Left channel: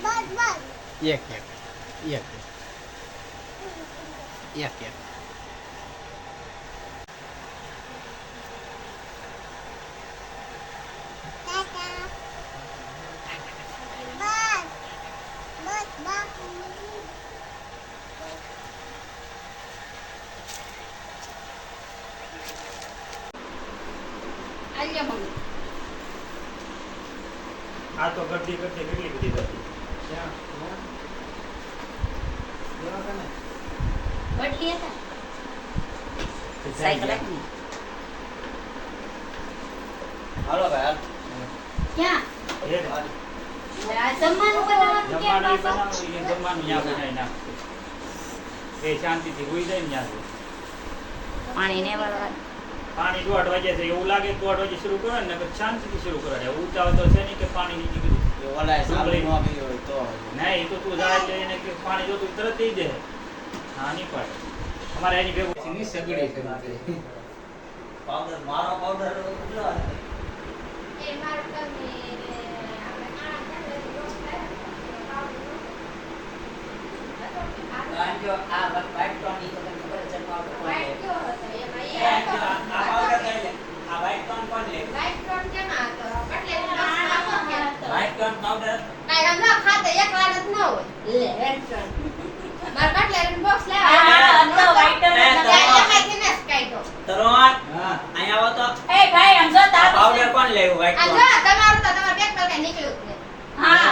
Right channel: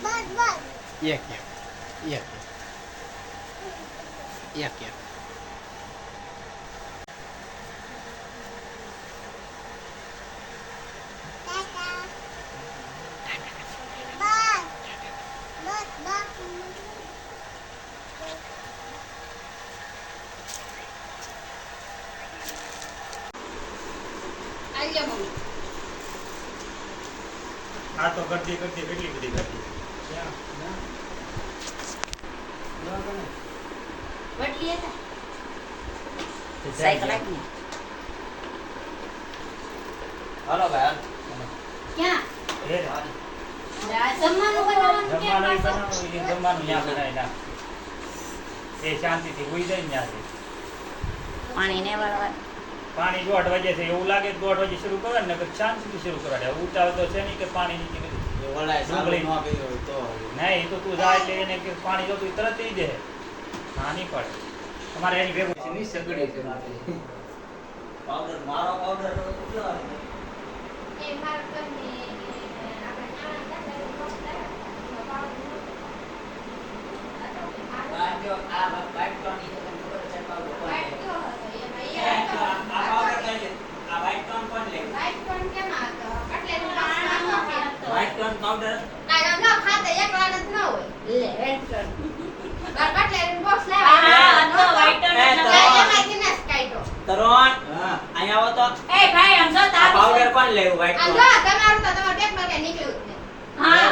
એક એક એક એક એક આ તો ગड्डी કેટલી બધી ગड्डी ક્યાં બરાબર ને બટલી હતા સાયકલ આપી હાલો ભાઈ ક્યાં એ આ જમવાનું બનાવવાનું ક્યાં જમવાનું પાછળ? બનાવવું છે, જમવાનું ત્યાં બનાવી નાખશું એ શાંતિથી હોઈ જાય ને ત્યાંથી પાણી ને વાળવા પાણી 1:30 વાગે છે એવું લાગે કે 1:30 વાગે શરૂ કરે ને નકર શાંતિથી શરૂ કરાડે ઉતાવળ તો છે નહીં કે પાણી નીકળી ગયું ઓલાય સારું ન ગયો હોય તો નહીં એ તો તું જાય એટલે એને કે પાણી જોતું તરત દઈ દે ના નહીં પડે તમારે એની ભેગું ની સગડી છે પાવડર મારો પાવડર તો કેટલો આવે એ મારા ઘરને આપણે કાણા ચાલે રોજ જો આ વાઈટ ટોન ની તો તમને ખબર છે પાવડર કોણ લે વાઈટ તો હતો એમાં એ આ હતો પાવડર કઈ લે આ વાઈટ ટોન કોણ લે વાઈટ ટોન કેમ હતો એટલે વાઈટ ટોન પાવડર કાઈ સમજો ખાતે એક વાર જ ન હોય લે વાઈટ ટોન માર કટલેરીનું બોક્સ હા, લેવા તો white ટોન જ નતો. એમાંથી ને કાઢો તરોણ હા અહીંયા આવો તો એ ભાઈ આમ જો આ તારું પાવડર કોણ લેવું વાઈટ આ ટોન જો તમારું તો તમારા પેટમાં કઈ નીકળ્યું જ નહીં હા